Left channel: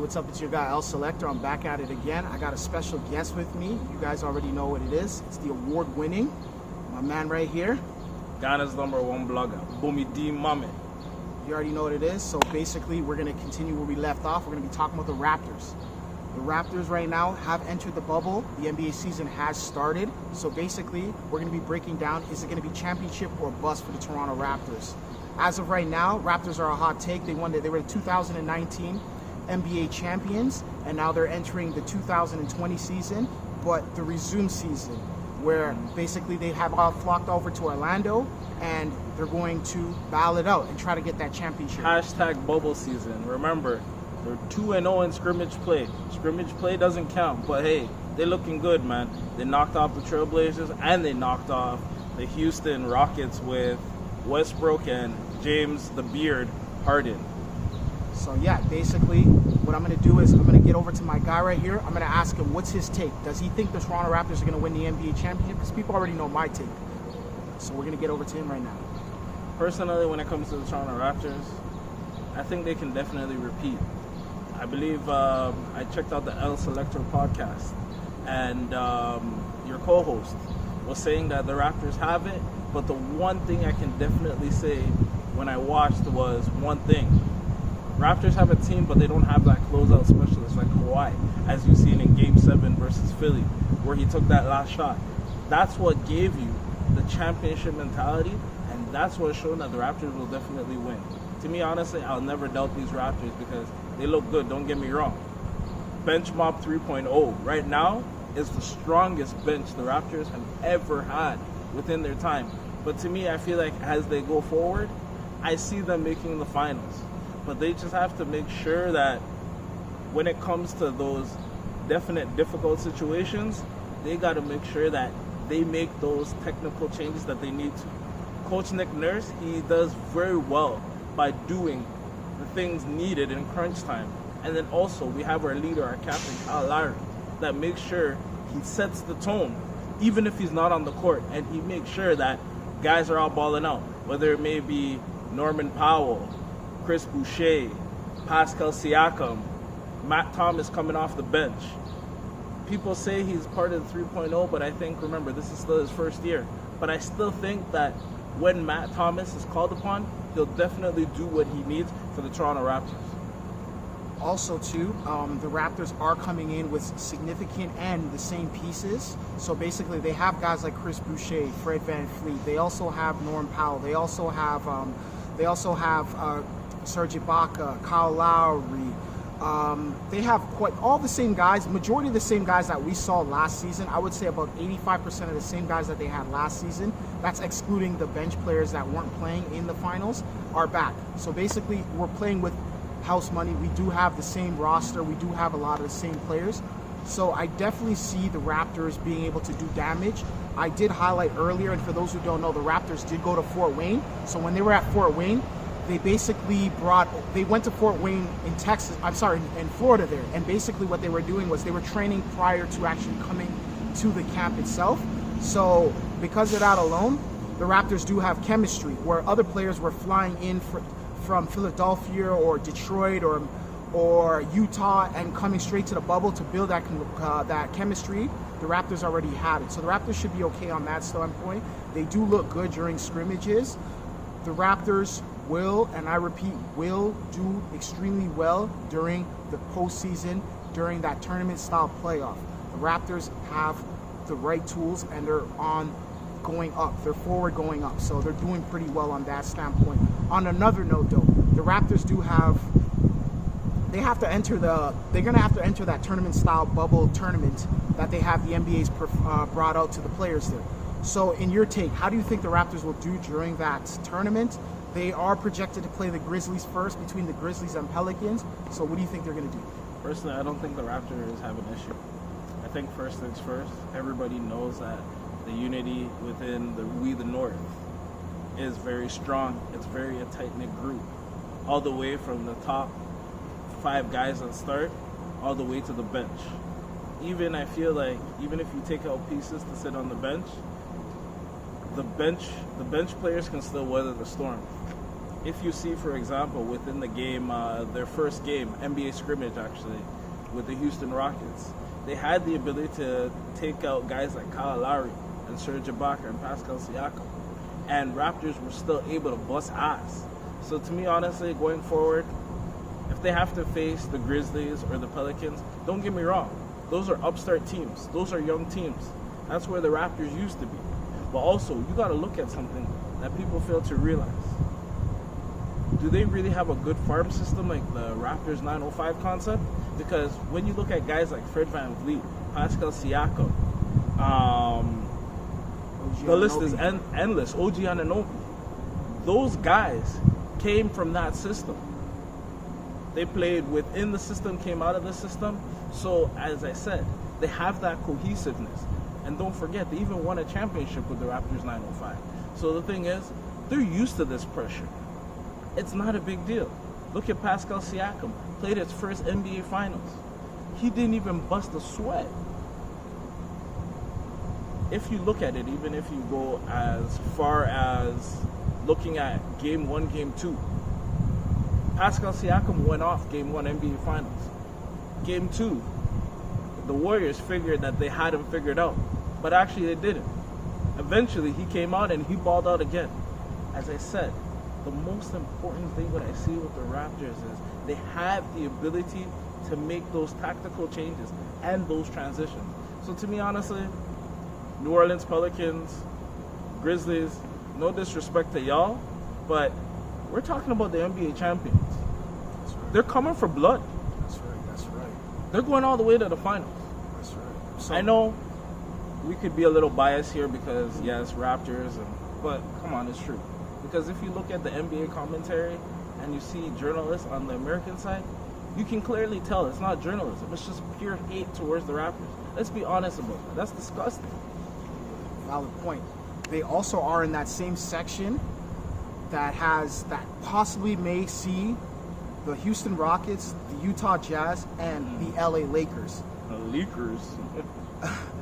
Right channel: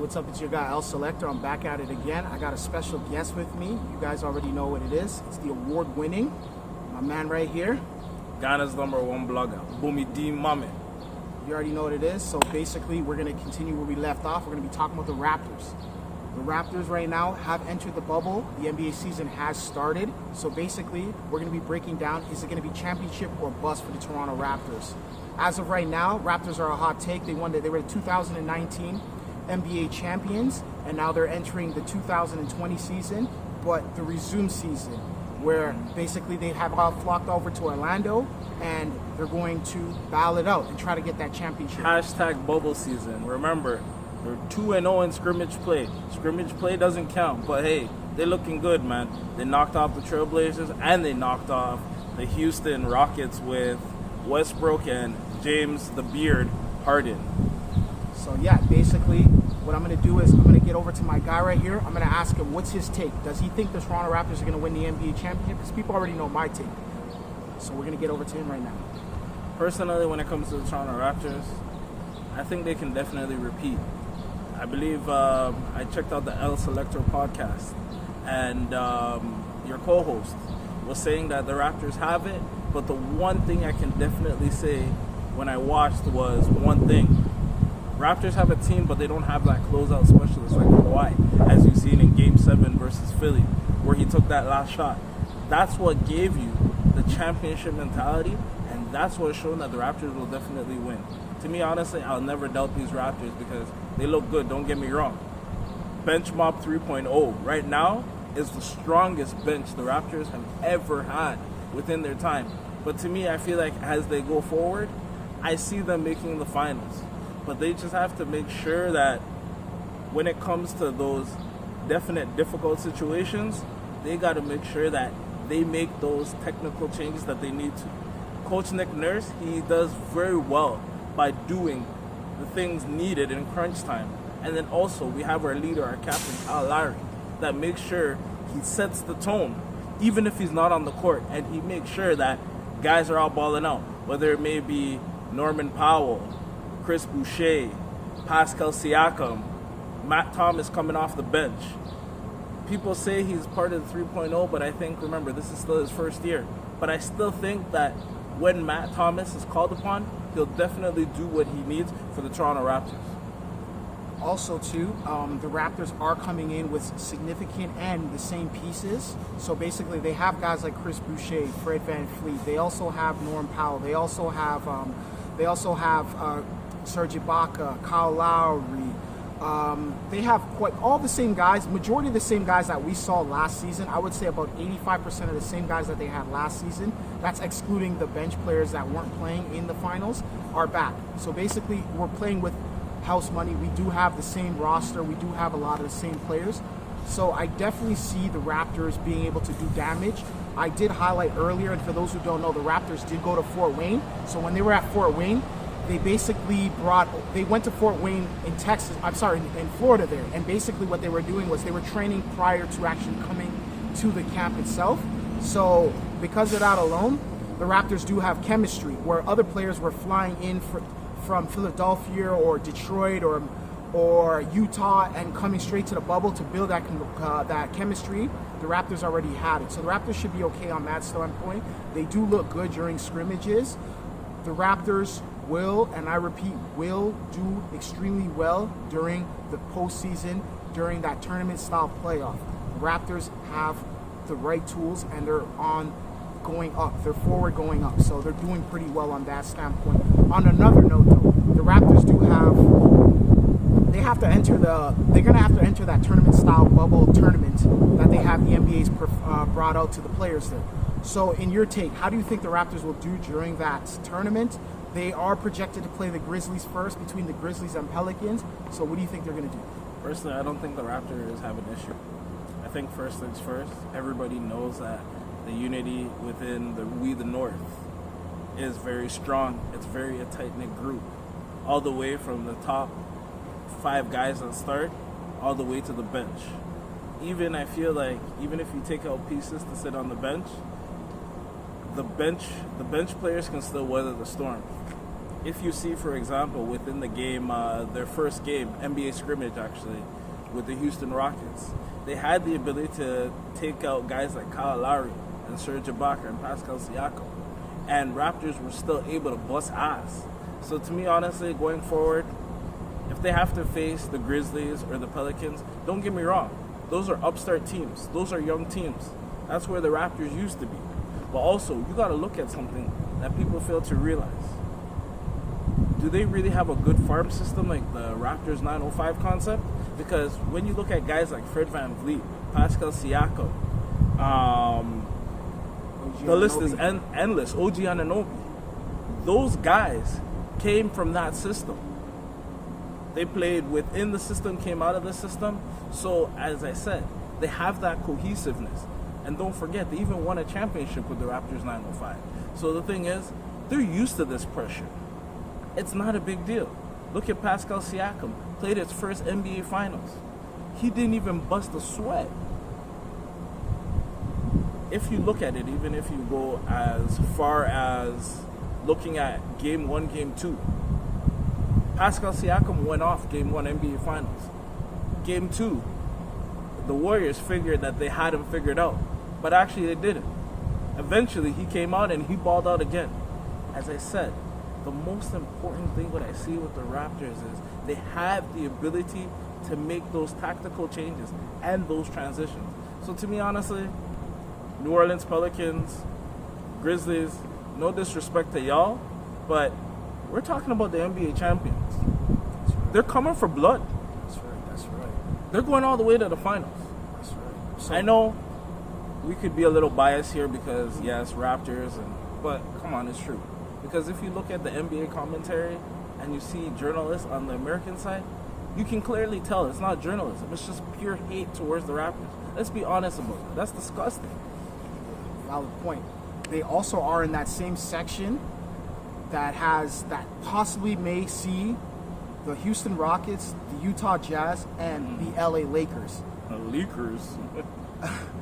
what's up? It's your guy, El Selector. I'm back at it again. I got a special guest with me. You guys already know what it is. It's the award-winning, my man right here. Ghana's #1 blogger, Bumi D. Mame. You already know what it is. So basically, we're going to continue where we left off. We're going to be talking about the Raptors. The Raptors right now have entered the bubble. The NBA season has started. So basically, we're going to be breaking down, is it going to be championship or bust for the Toronto Raptors? As of right now, Raptors are a hot take. They were the 2019 NBA champions, and now they're entering the 2020 season, but the resume season, where basically they have all flocked over to Orlando, and they're going to battle it out and try to get that championship. Hashtag bubble season. Remember, they're 2-0 in scrimmage play. Scrimmage play doesn't count, but hey, they're looking good, man. They knocked off the Trailblazers, and they knocked off the Houston Rockets with Westbrook and James the Beard Harden. So yeah, basically what I'm going to do is I'm going to get over to my guy right here. I'm going to ask him what's his take. Does he think the Toronto Raptors are going to win the NBA championship? Because people already know my take. So we're going to get over to him right now. Personally, when it comes to the Toronto Raptors, I think they can definitely repeat. I believe I checked out the El Selector podcast, and your co-host was saying that the Raptors have it, but the one thing I can definitely say when I watched was one thing. Raptors have a team, but they don't have that closeout specialist like Kawhi, as you've seen in Game 7 versus Philly, where he took that last shot. That's what gave you the championship mentality, and that's what's shown that the Raptors will definitely win. To me, honestly, I'll never doubt these Raptors because they look good, don't get me wrong. Bench Mob 3.0 right now is the strongest bench the Raptors have ever had within their time. But to me, I feel like as they go forward, I see them making the finals. But they just have to make sure that when it comes to those definite difficult situations, they got to make sure that they make those technical changes that they need to. Coach Nick Nurse, he does very well by doing the things needed in crunch time. And then also we have our leader, our captain, Kyle Lowry, that makes sure he sets the tone, even if he's not on the court, and he makes sure that guys are all balling out, whether it may be Norman Powell, Chris Boucher, Pascal Siakam, Matt Thomas coming off the bench. People say he's part of the 3.0, but I think, remember, this is still his first year. But I still think that when Matt Thomas is called upon, he'll definitely do what he needs for the Toronto Raptors. Also, too, the Raptors are coming in with significant and the same pieces. So basically, they have guys like Chris Boucher, Fred VanVleet. They also have Norm Powell. They also have Serge Ibaka, Kyle Lowry. They have quite all the same guys, majority of the same guys that we saw last season. I would say about 85% of the same guys that they had last season. That's excluding the bench players that weren't playing in the finals are back. So basically, we're playing with house money. We do have the same roster. We do have a lot of the same players. So I definitely see the Raptors being able to do damage. I did highlight earlier, and for those who don't know, the Raptors did go to Fort Wayne. So when they were at Fort Wayne, they basically they went to Fort Wayne in Florida there. And basically what they were doing was they were training prior to actually coming to the camp itself. So because of that alone, the Raptors do have chemistry, where other players were flying in from Philadelphia or Detroit or Utah and coming straight to the bubble to build that chemistry. The Raptors already had it. So the Raptors should be okay on that standpoint. They do look good during scrimmages. The Raptors will, and I repeat, will do extremely well during the postseason, during that tournament-style playoff. The Raptors have the right tools, and they're going up. They're forward going up, so they're doing pretty well on that standpoint. On another note, though, the Raptors they're going to have to enter that tournament-style bubble tournament that they have the NBA's brought out to the players there. So in your take, how do you think the Raptors will do during that tournament? They are projected to play the Grizzlies first, between the Grizzlies and Pelicans. So what do you think they're going to do? Personally, I don't think the Raptors have an issue. I think first things first, everybody knows that the unity within the North is very strong. It's very a tight-knit group. All the way from the top 5 guys on start, all the way to the bench. I feel like, even if you take out pieces to sit on the bench players can still weather the storm. if you see, for example, within the game, their first game, NBA scrimmage actually, with the Houston Rockets, they had the ability to take out guys like Kyle Lowry and Serge Ibaka and Pascal Siakam, and Raptors were still able to bust ass. So to me, honestly, going forward, if they have to face the Grizzlies or the Pelicans, don't get me wrong, those are upstart teams. Those are young teams. That's where the Raptors used to be. But also, you got to look at something that people fail to realize. Do they really have a good farm system like the Raptors 905 concept? Because when you look at guys like Fred VanVleet, Pascal Siakam, the list is endless, OG Anunoby, those guys came from that system. They played within the system, came out of the system. So, as I said, they have that cohesiveness. And don't forget, they even won a championship with the Raptors 905. So the thing is, they're used to this pressure. It's not a big deal. Look at Pascal Siakam, played his first NBA Finals. He didn't even bust a sweat. If you look at it, even if you go as far as looking at Game 1, Game 2, Pascal Siakam went off Game 1 NBA Finals. Game 2, the Warriors figured that they had him figured out, but actually they didn't. Eventually, he came out and he balled out again. As I said, the most important thing what I see with the Raptors is they have the ability to make those tactical changes and those transitions. So to me, honestly, New Orleans Pelicans, Grizzlies, no disrespect to y'all, but we're talking about the NBA champions. That's right. They're coming for blood. That's right. They're going all the way to the finals. That's right. So, I know we could be a little biased here because, yes, Raptors, but come on, it's true. Because if you look at the NBA commentary and you see journalists on the American side, you can clearly tell it's not journalism. It's just pure hate towards the Raptors. Let's be honest about that. That's disgusting. Valid point. They also are in that same section that possibly may see the Houston Rockets, the Utah Jazz, and the LA Lakers. The Lakers.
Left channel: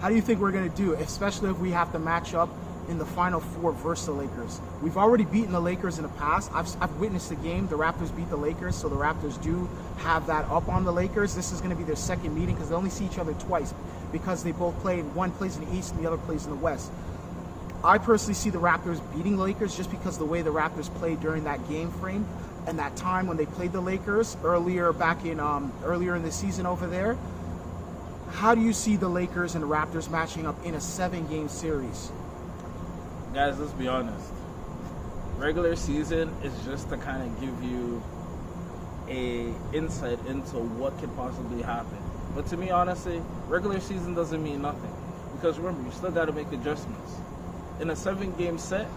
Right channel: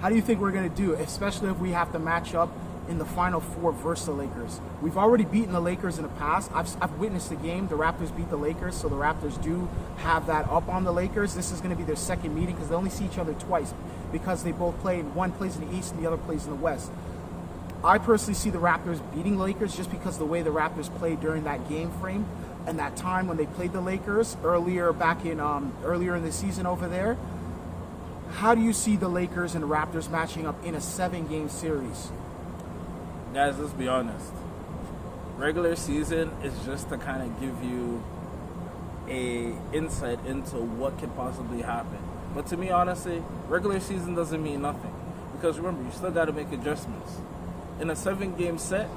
How do you think we're going to do, especially if we have to match up in the Final Four versus the Lakers? We've already beaten the Lakers in the past. I've witnessed the game. The Raptors beat the Lakers, so the Raptors do have that up on the Lakers. This is going to be their second meeting because they only see each other twice because they both play. One plays in the East and the other plays in the West. I personally see the Raptors beating the Lakers just because of the way the Raptors played during that game frame and that time when they played the Lakers earlier in the season over there. How do you see the Lakers and the Raptors matching up in a 7-game series? Guys, let's be honest. Regular season is just to kind of give you a insight into what could possibly happen. But to me, honestly, regular season doesn't mean nothing. Because remember, you still got to make adjustments. In a 7-game set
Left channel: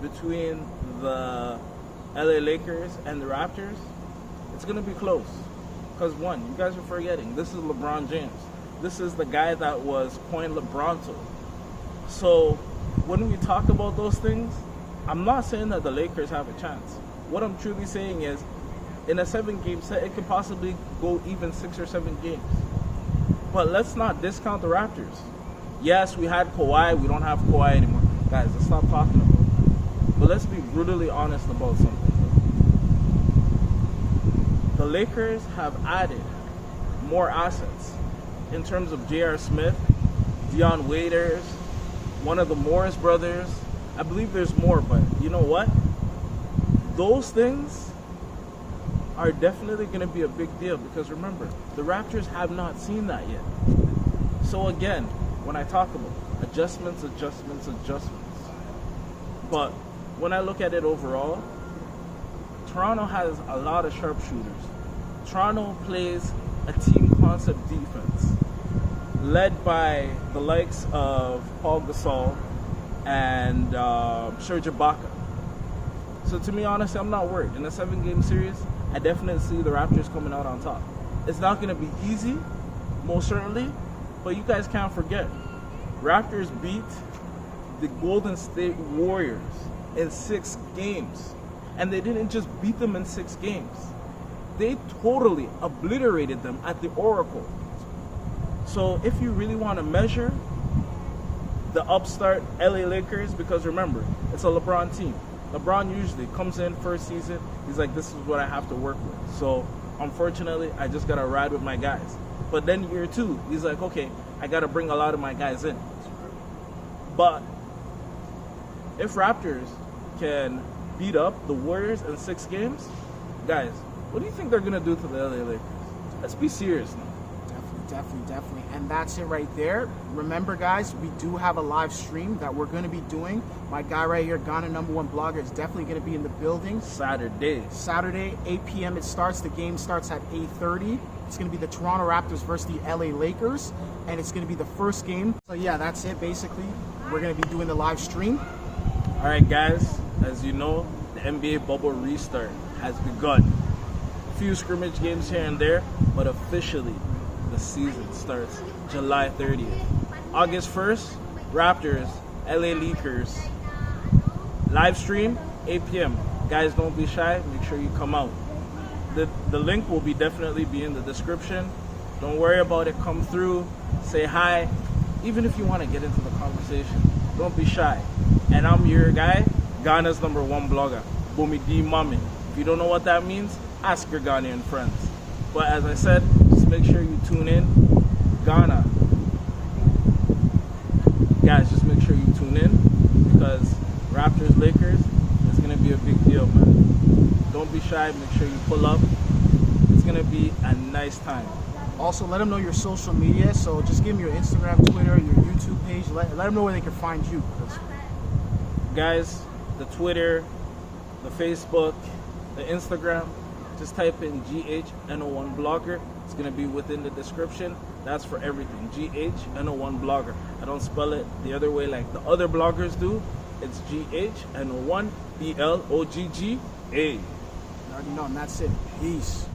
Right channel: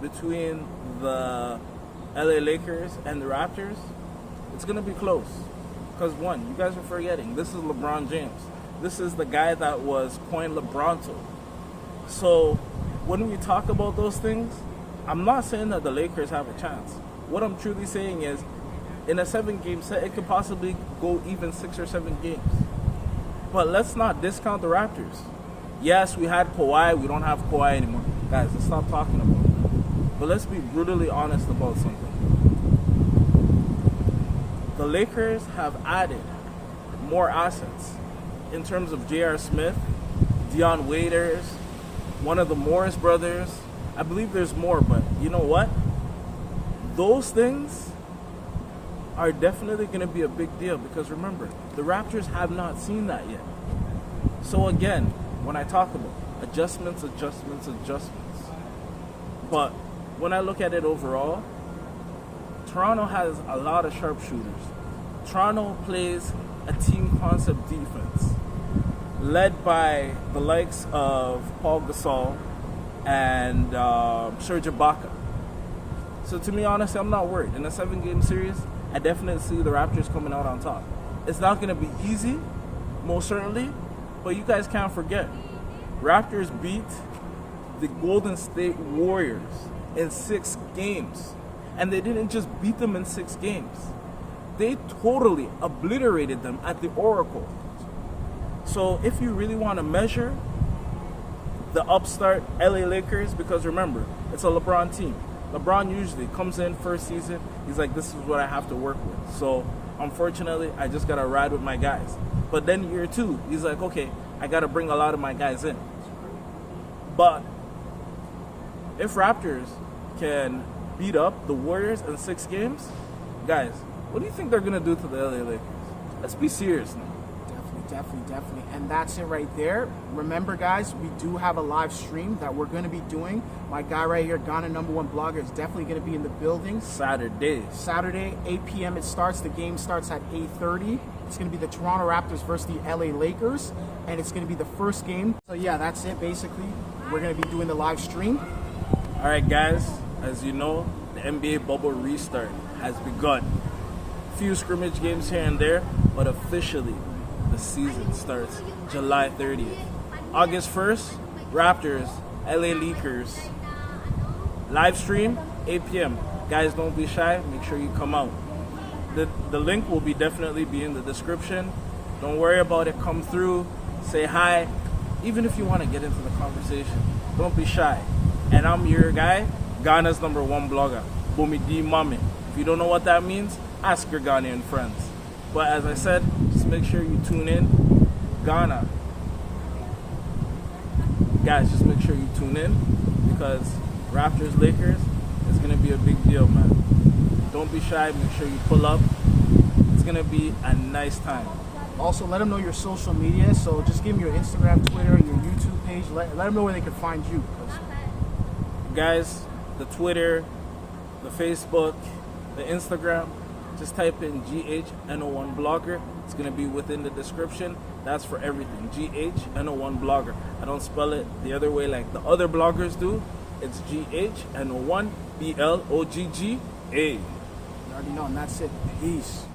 between the LA Lakers and the Raptors, it's going to be close. Because one, you guys are forgetting, this is LeBron James. This is the guy that was coined LeBronto. So when we talk about those things, I'm not saying that the Lakers have a chance. What I'm truly saying is, in a 7-game set, it could possibly go even 6 or 7 games. But let's not discount the Raptors. Yes, we had Kawhi. We don't have Kawhi anymore. Guys, let's stop talking about that. But let's be brutally honest about something. The Lakers have added more assets in terms of J.R. Smith, Dion Waiters, one of the Morris brothers. I believe there's more, but you know what? Those things are definitely going to be a big deal because remember, the Raptors have not seen that yet. So again, when I talk about adjustments, but when I look at it overall, Toronto has a lot of sharpshooters. Toronto plays a team concept defense led by the likes of Paul Gasol and Serge Ibaka. So to me, honestly, I'm not worried. In a 7-game series, I definitely see the Raptors coming out on top. It's not going to be easy, most certainly, but you guys can't forget, Raptors beat the Golden State Warriors in 6 games. And they didn't just beat them in 6 games. They totally obliterated them at the Oracle. So if you really want to measure the upstart LA Lakers, because remember, it's a LeBron team. LeBron usually comes in first season, he's like, this is what I have to work with. So unfortunately, I just gotta ride with my guys. But then year 2, he's like, okay, I gotta bring a lot of my guys in. But if Raptors can beat up the Warriors in 6 games, guys, what do you think they're gonna do to the LA Lakers? Let's be serious now. Definitely. And that's it right there. Remember, guys, we do have a live stream that we're going to be doing. My guy right here, Ghana #1 blogger, is definitely going to be in the building. Saturday, 8 p.m. it starts. The game starts at 8:30. It's going to be the Toronto Raptors versus the LA Lakers. And it's going to be the first game. So, yeah, that's it, basically. We're going to be doing the live stream. All right, guys, as you know, the NBA bubble restart has begun. Few scrimmage games here and there, but officially, the season starts July 30th. August 1st, Raptors, LA Lakers. Live stream, 8 p.m. Guys, don't be shy. Make sure you come out. The link will definitely be in the description. Don't worry about it. Come through. Say hi. Even if you want to get into the conversation, don't be shy. And I'm your guy, Ghana's #1 blogger, Bumi D Mame. If you don't know what that means, ask your Ghanaian friends. But as I said, just make sure you tune in. Ghana. Guys, just make sure you tune in because Raptors Lakers is going to be a big deal, man. Don't be shy. Make sure you pull up. It's going to be a nice time. Also, let them know your social media. So just give them your Instagram, Twitter, your YouTube page. Let them know where they can find you. Guys, the Twitter, the Facebook, the Instagram, just type in GHNO1 Blogger. It's going to be within the description. That's for everything. GHNO1 Blogger. I don't spell it the other way like the other bloggers do. It's GHNO1 BLOGGA. You already know, and that's it. Peace.